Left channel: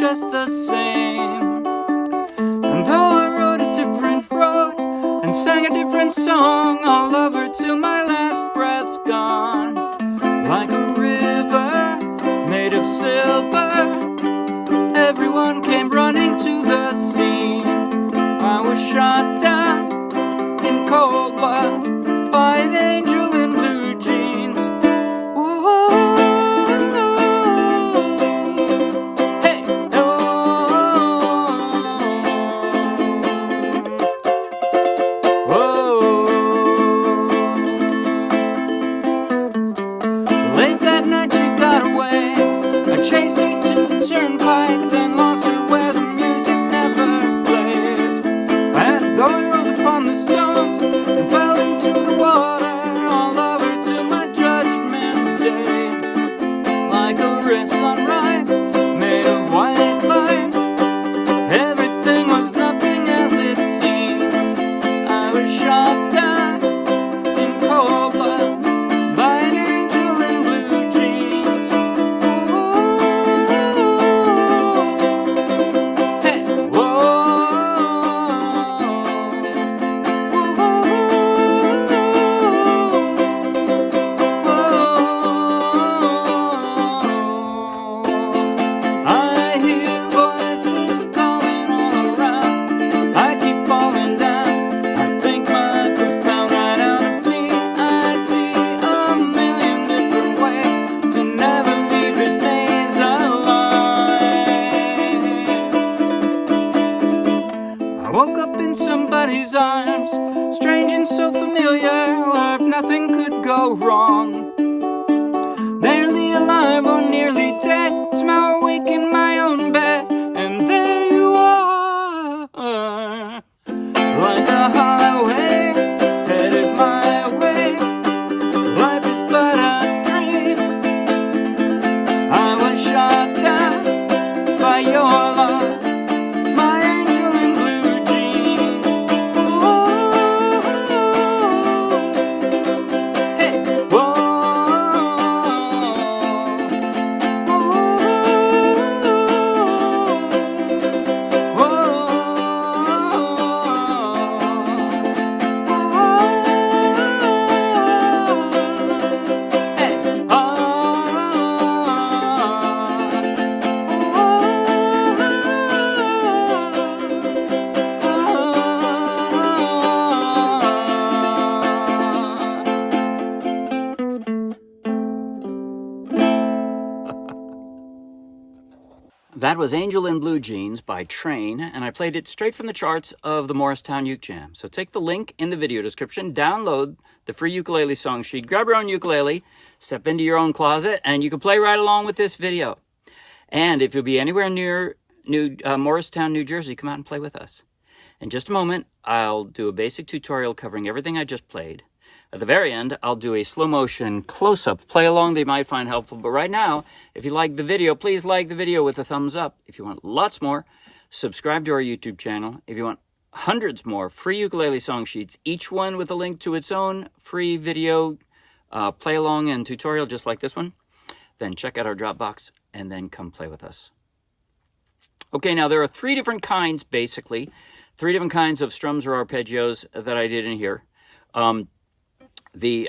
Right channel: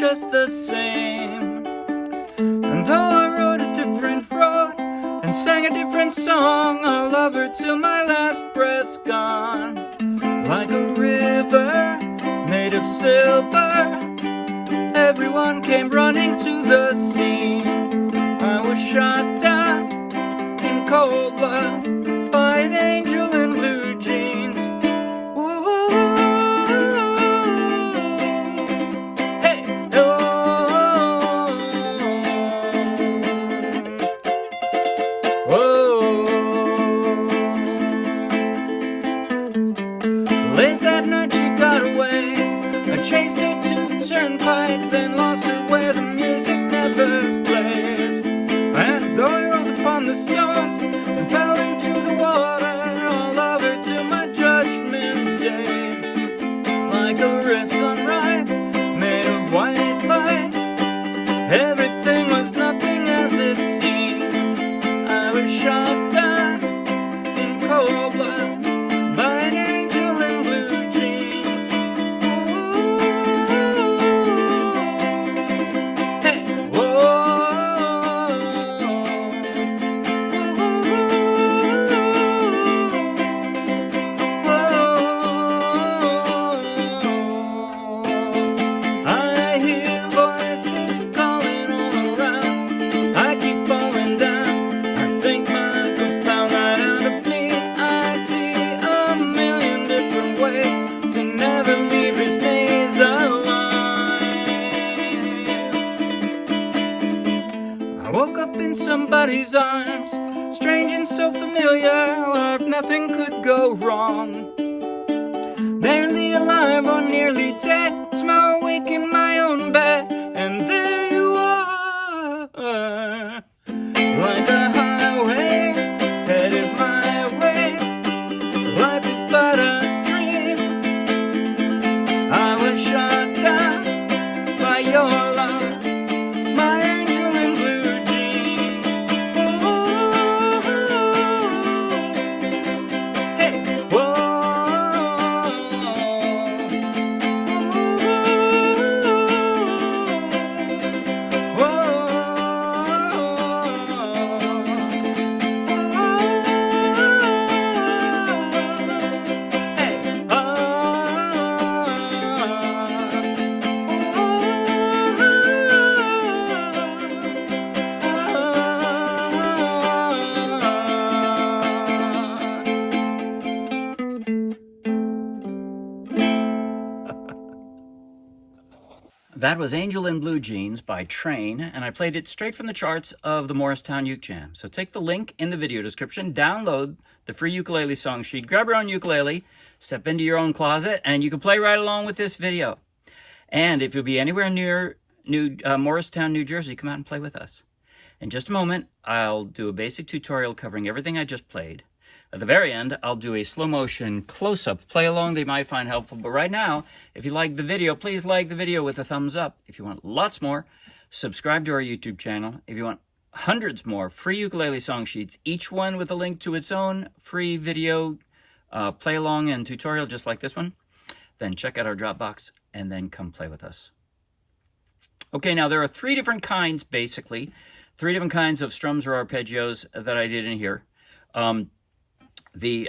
just the same. And though I rode a different road and sang a different song, I'll love her till my last breath's gone. Like a river made of silver, everyone came running to the scene. I was shot down in cold blood by an angel in blue jeans. Ooh, hey, oh, oh. Late that night she got away. I chased her to the turnpike, then lost her where the music never plays. And though I rolled upon the stones and fell into the water, I'll love her till my judgment day. Like a red sunrise made of white lights, everything was nothing as it seems. I was shot down in cold blood by an angel in blue jeans. Ooh, hey, whoa, I hear voices calling all around. I keep falling down. I think my book found right out of me. I see a million different ways to never leave this maze alive. I woke up in somebody's arms, strange and so familiar, where nothing could go wrong. Barely alive or nearly dead, somehow awake in my own bed, and there you are, like a highway headed my way. Life is but a dream. I was shot down by your love, my angel in blue jeans. Ooh, hey, whoa. That was Angel in Blue Jeans by Train, and I played it straight from the charts of the Morristown Uke Jam. So take the link in the video description, download the free ukulele song sheet, grab your own ukulele, step into your own closet, and you can play right along with this video. And if you'll be anywhere near Morristown, New Jersey, come out and play with us. In just a moment, I'll do a basic tutorial covering everything I just played. At the very end, I'll do a slow motion close-up play along that you might find helpful. But right now, if you like the video, please like the video with a thumbs up. If you want lots more, subscribe to our YouTube channel. If you want hundreds more free ukulele song sheets, each one with a link to its own free video play along and tutorial just like this one, then check out our Dropbox and then come play with us. Okay, now there are three different kinds, basically, three different kinds of strums or arpeggios that I did in here. The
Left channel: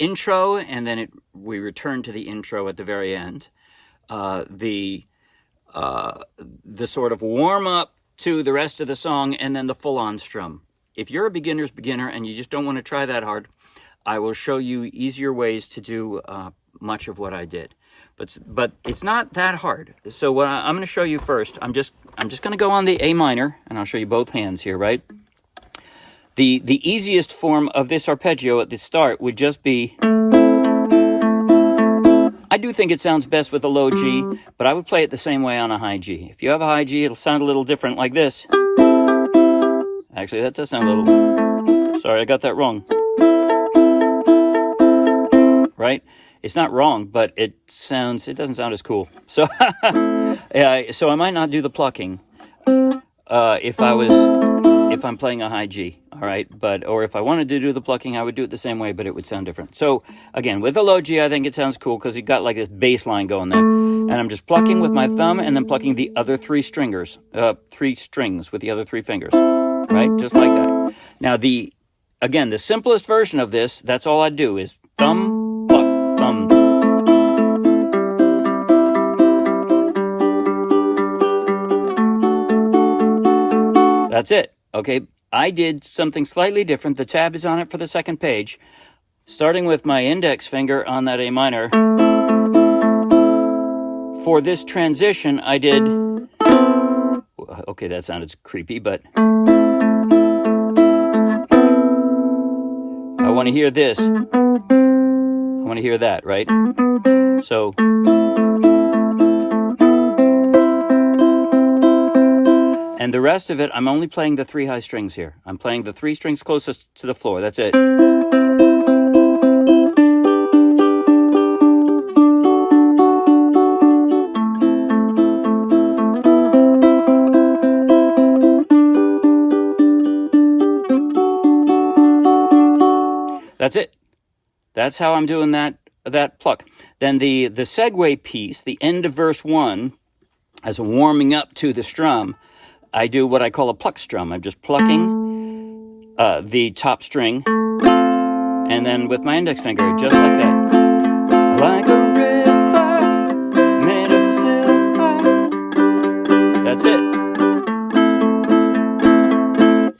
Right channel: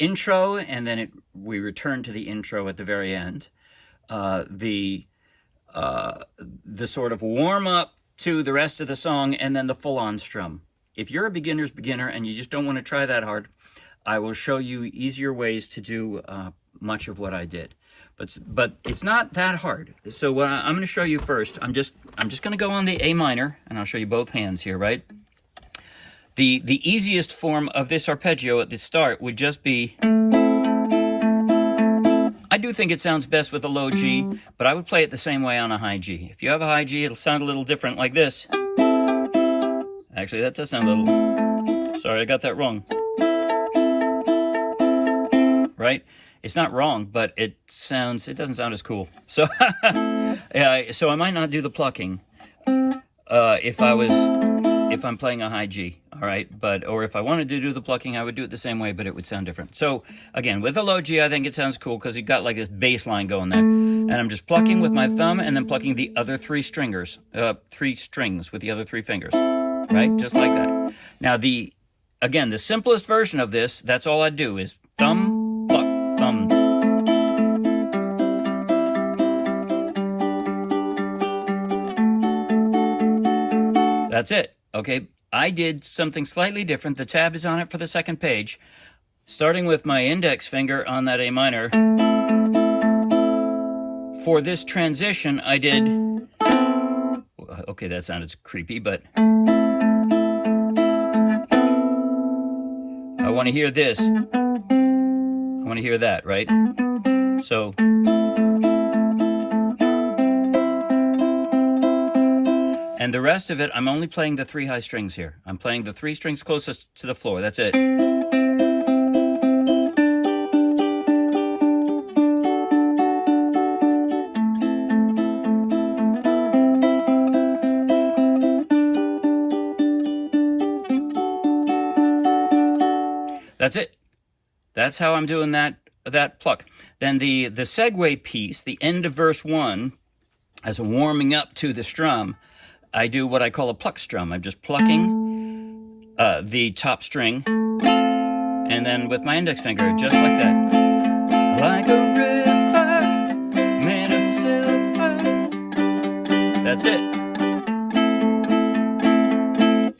intro, and then we return to the intro at the very end. The sort of warm-up to the rest of the song, and then the full-on strum. If you're a beginner's beginner and you just don't want to try that hard, I will show you easier ways to do much of what I did. But it's not that hard. So what I'm going to show you first, I'm just going to go on the A minor, and I'll show you both hands here, right? The easiest form of this arpeggio at the start would just be, I do think it sounds best with a low G, but I would play it the same way on a high G. If you have a high G, it'll sound a little different like this. Actually, that does sound a little, sorry, I got that wrong. Right? It's not wrong, but it doesn't sound as cool. So, so I might not do the plucking if I'm playing a high G, all right? Or if I wanted to do the plucking, I would do it the same way, but it would sound different. So, again, with a low G, I think it sounds cool because you got like this bass line going there. And I'm just plucking with my thumb and then plucking the other three strings with the other three fingers, right? Just like that. Now, again, the simplest version of this, that's all I do is thumb, pluck, thumb. That's it, okay? I did something slightly different. The tab is on it for the second page. Starting with my index finger on that A minor. For this transition, I did... Okay, that sounded creepy, but... I want to hear this. I want to hear that, right? So... And the rest of it, I'm only playing the three high strings here. I'm playing the three strings closest to the floor. That's it. That's it. That's how I'm doing that pluck. Then the segue piece, the end of verse 1, as a warming up to the strum, I do what I call a pluck strum. I'm just plucking the top string, and then with my index finger, just like that. Like a river made of silver. That's it.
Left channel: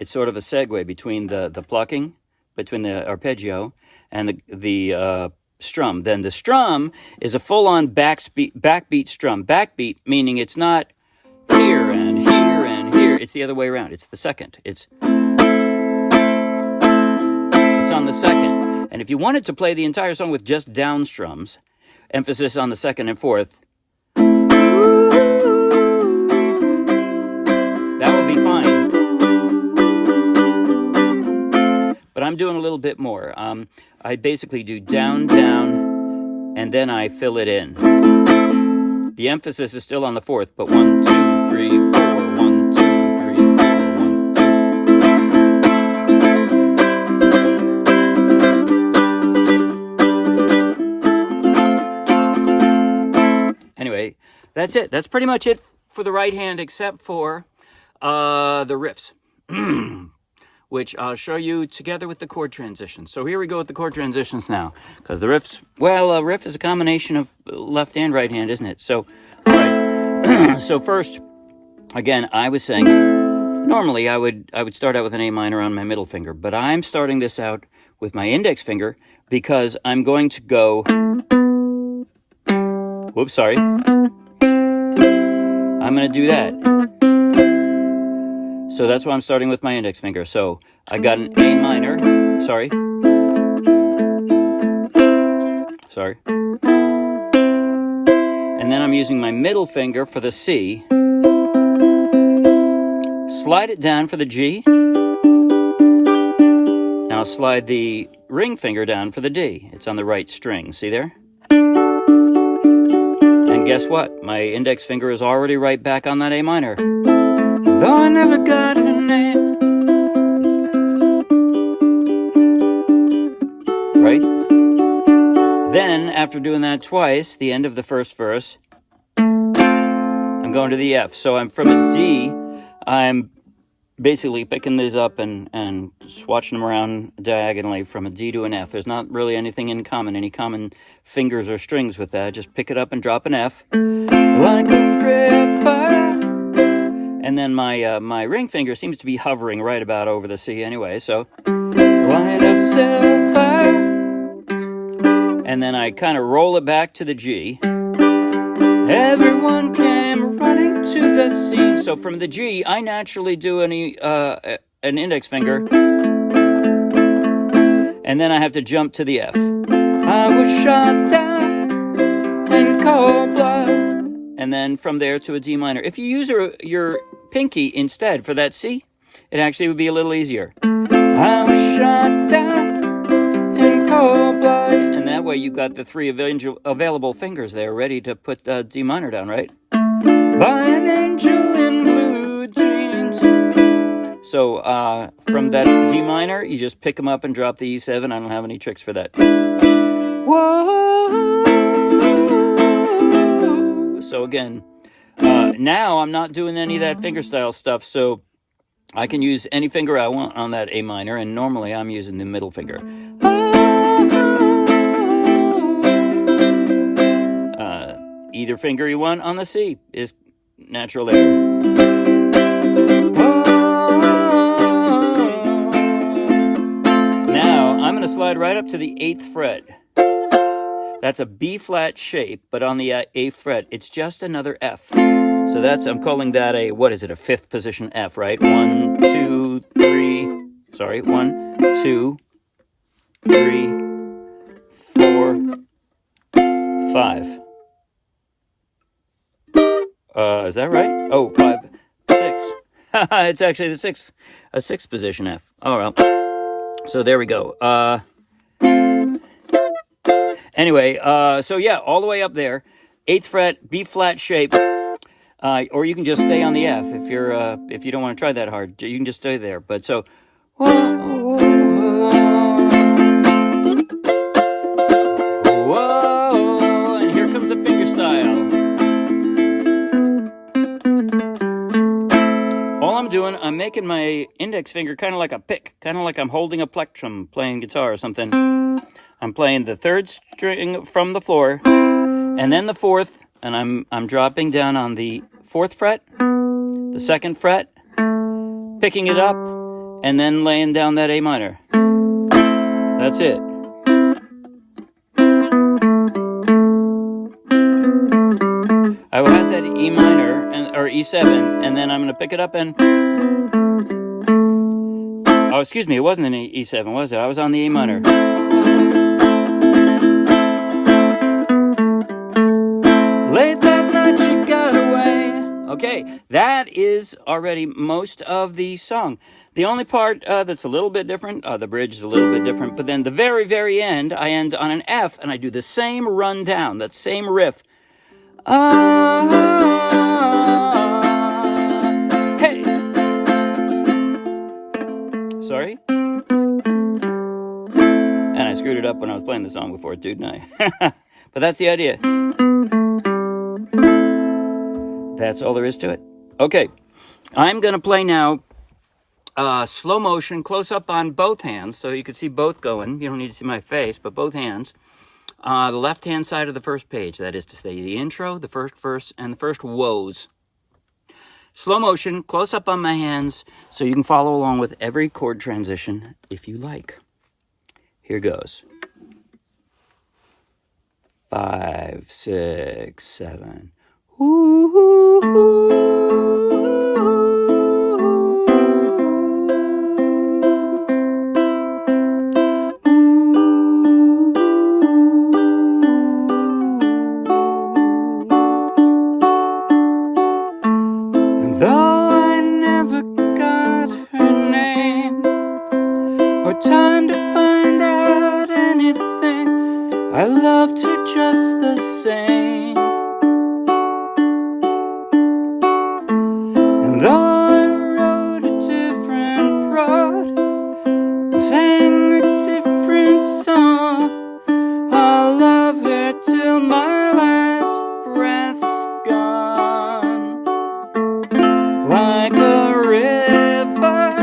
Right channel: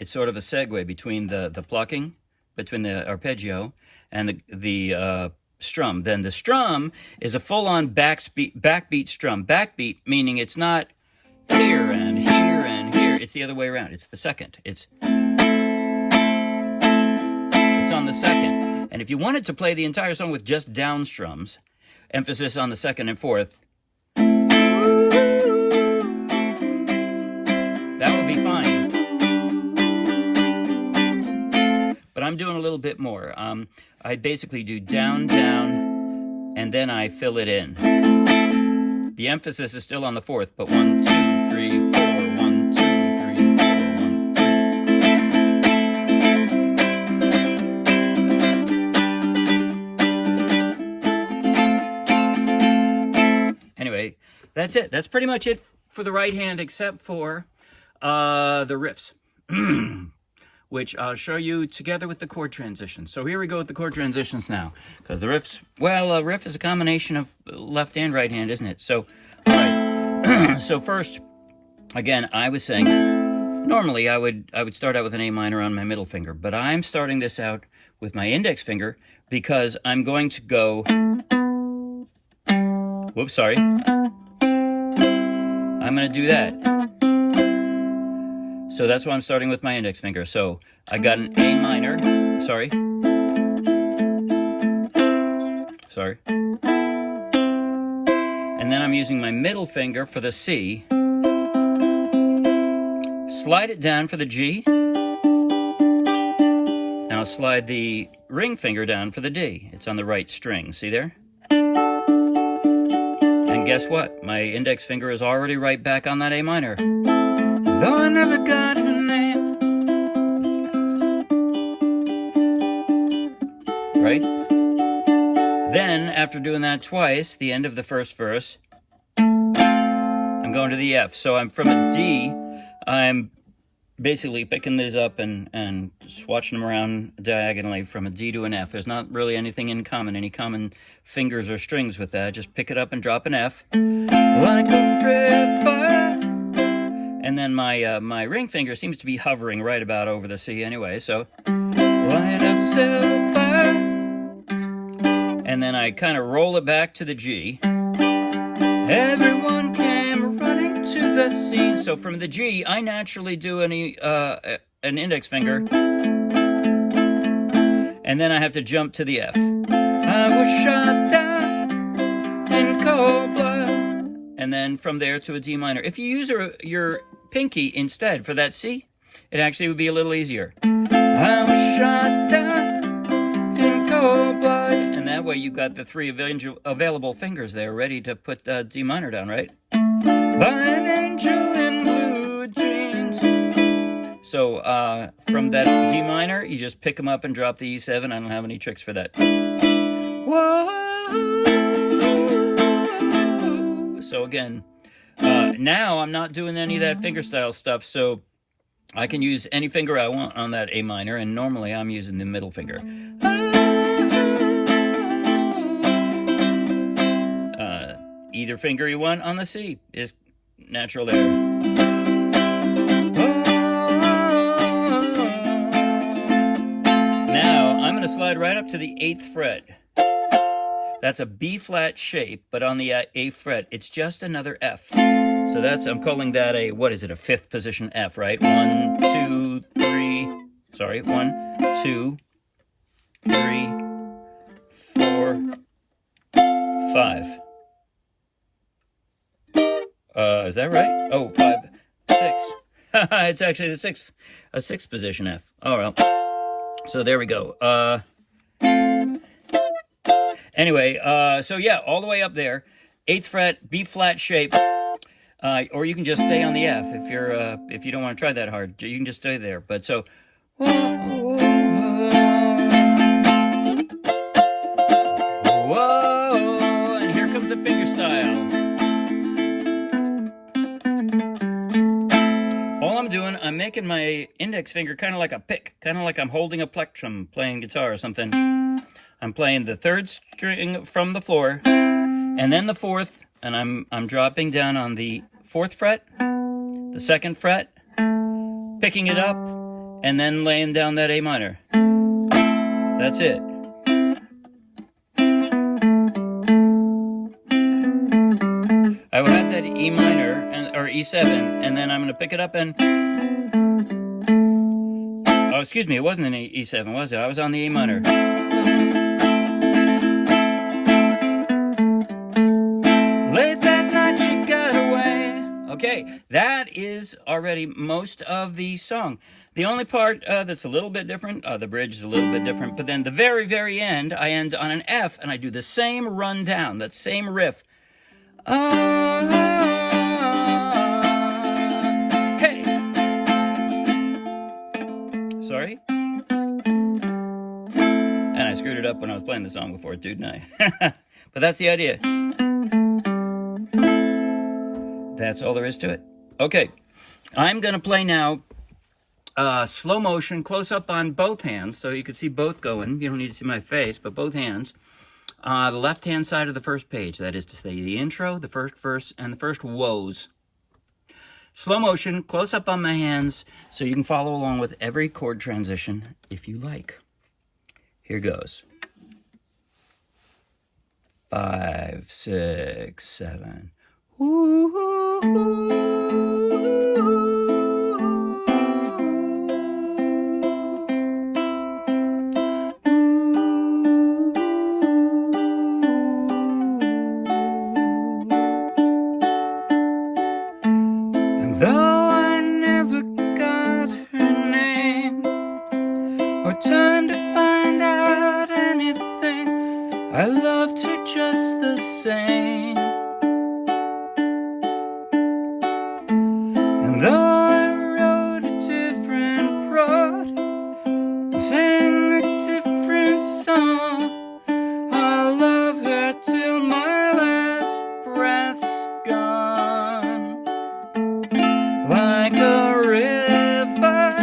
It's sort of a segue between the plucking, between the arpeggio, and the strum. Then the strum is a full-on backbeat strum. Backbeat meaning it's not here and here. It's the other way around. It's the second. It's on the second. And if you wanted to play the entire song with just down strums, emphasis on the second and fourth, that would be fine. But I'm doing a little bit more. I basically do down, down, and then I fill it in. The emphasis is still on the fourth, but 1, 2, 3, 4, 1, 2, 3, 4, 1, 2. Anyway, that's it. That's pretty much it for the right hand, except for the riffs, which I'll show you together with the chord transitions. So here we go with the chord transitions now, because the riffs, well, a riff is a combination of left and right hand, isn't it? So, all right. So first, again, I was saying, normally I would start out with an A minor on my middle finger, but I'm starting this out with my index finger because I'm going to go, whoops, sorry. I'm going to do that. So that's why I'm starting with my index finger. So I got an A minor, sorry. And then I'm using my middle finger for the C. Slide it down for the G. Now slide the ring finger down for the D. It's on the right string, see there? And guess what? My index finger is already right back on that A minor. Though I never got her name. Right? Then, after doing that twice, the end of the first verse, I'm going to the F. So I'm from a D, I'm basically picking these up and swatching them around diagonally from a D to an F. There's not really anything in common, any common fingers or strings with that. Just pick it up and drop an F. Like a river. And then my ring finger seems to be hovering right about over the C anyway, so light of silver. And then I kind of roll it back to the G. Everyone came running to the scene. So from the G, I naturally do an index finger. And then I have to jump to the F. I was shot down in cold blood. And then from there to a D minor. If you use your pinky instead for that C, it actually would be a little easier. I was shot down in cold blood. And that way you've got the three available fingers there ready to put D minor down, right? By an angel in blue jeans. So from that D minor, you just pick them up and drop the E7. I don't have any tricks for that. Whoa. So again, now I'm not doing any of that fingerstyle stuff, so I can use any finger I want on that A minor, and normally I'm using the middle finger. Either finger you want on the C is natural there. Now I'm going to slide right up to the 8th fret. That's a B flat shape, but on the 8th fret, it's just another F. So that's, I'm calling that a, what is it, a 5th position F, right? 1, 2, 3, sorry, 1, 2, 3, 4, 5. Is that right? Oh, 5, 6. It's actually the 6th, a 6th position F. Oh, well. So there we go. Anyway, so yeah, all the way up there, 8th fret, B flat shape, or you can just stay on the F if you're if you don't want to try that hard. You can just stay there. But so, whoa, and here comes the finger style. All I'm doing, I'm making my index finger kind of like a pick, kind of like I'm holding a plectrum playing guitar or something. I'm playing the 3rd string from the floor, and then the 4th, and I'm dropping down on the 4th fret, the 2nd fret, picking it up, and then laying down that A minor. That's it. I will have that E minor, or E7, and then I'm going to pick it up and... Oh, excuse me, it wasn't an E7, was it? I was on the A minor. Late that night you got away. Okay, that is already most of the song. The only part that's a little bit different, the bridge is a little bit different, but then the very, very end, I end on an F, and I do the same run down, that same riff. Hey! Sorry? And I screwed it up when I was playing the song before, too, didn't I? But that's the idea. That's all there is to it. Okay, I'm going to play now slow motion, close up on both hands, so you can see both going. You don't need to see my face, but both hands. The left-hand side of the first page, that is to say the intro, the first verse, and the first woes. Slow motion, close up on my hands, so you can follow along with every chord transition if you like. Here goes. 5, 6, 7. Though I never got her name or time to find out anything, I loved her just the same. And though I wrote a different road and sang a different song, I'll love her till my last breath's gone. Like a river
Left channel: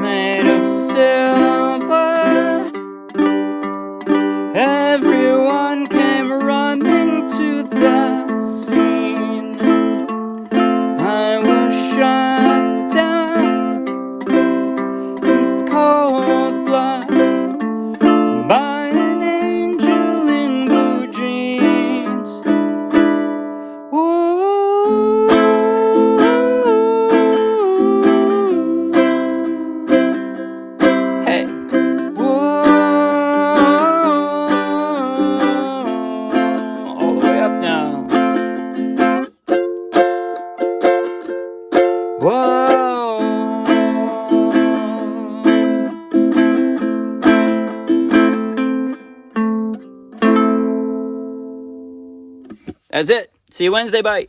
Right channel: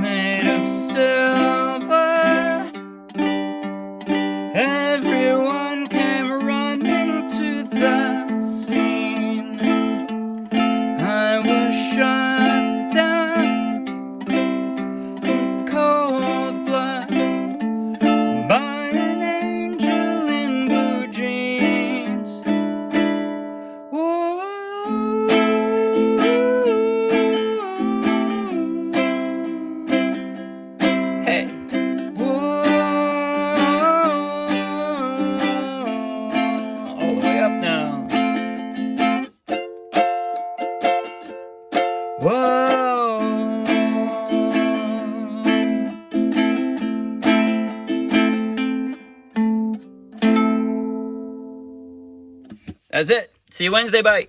made of silver, everyone came running to the scene. I was shot down in cold blood by an angel in blue jeans. Ooh. Hey! Whoa. All the way up now. Whoa. That's it. See you Wednesday. Bye.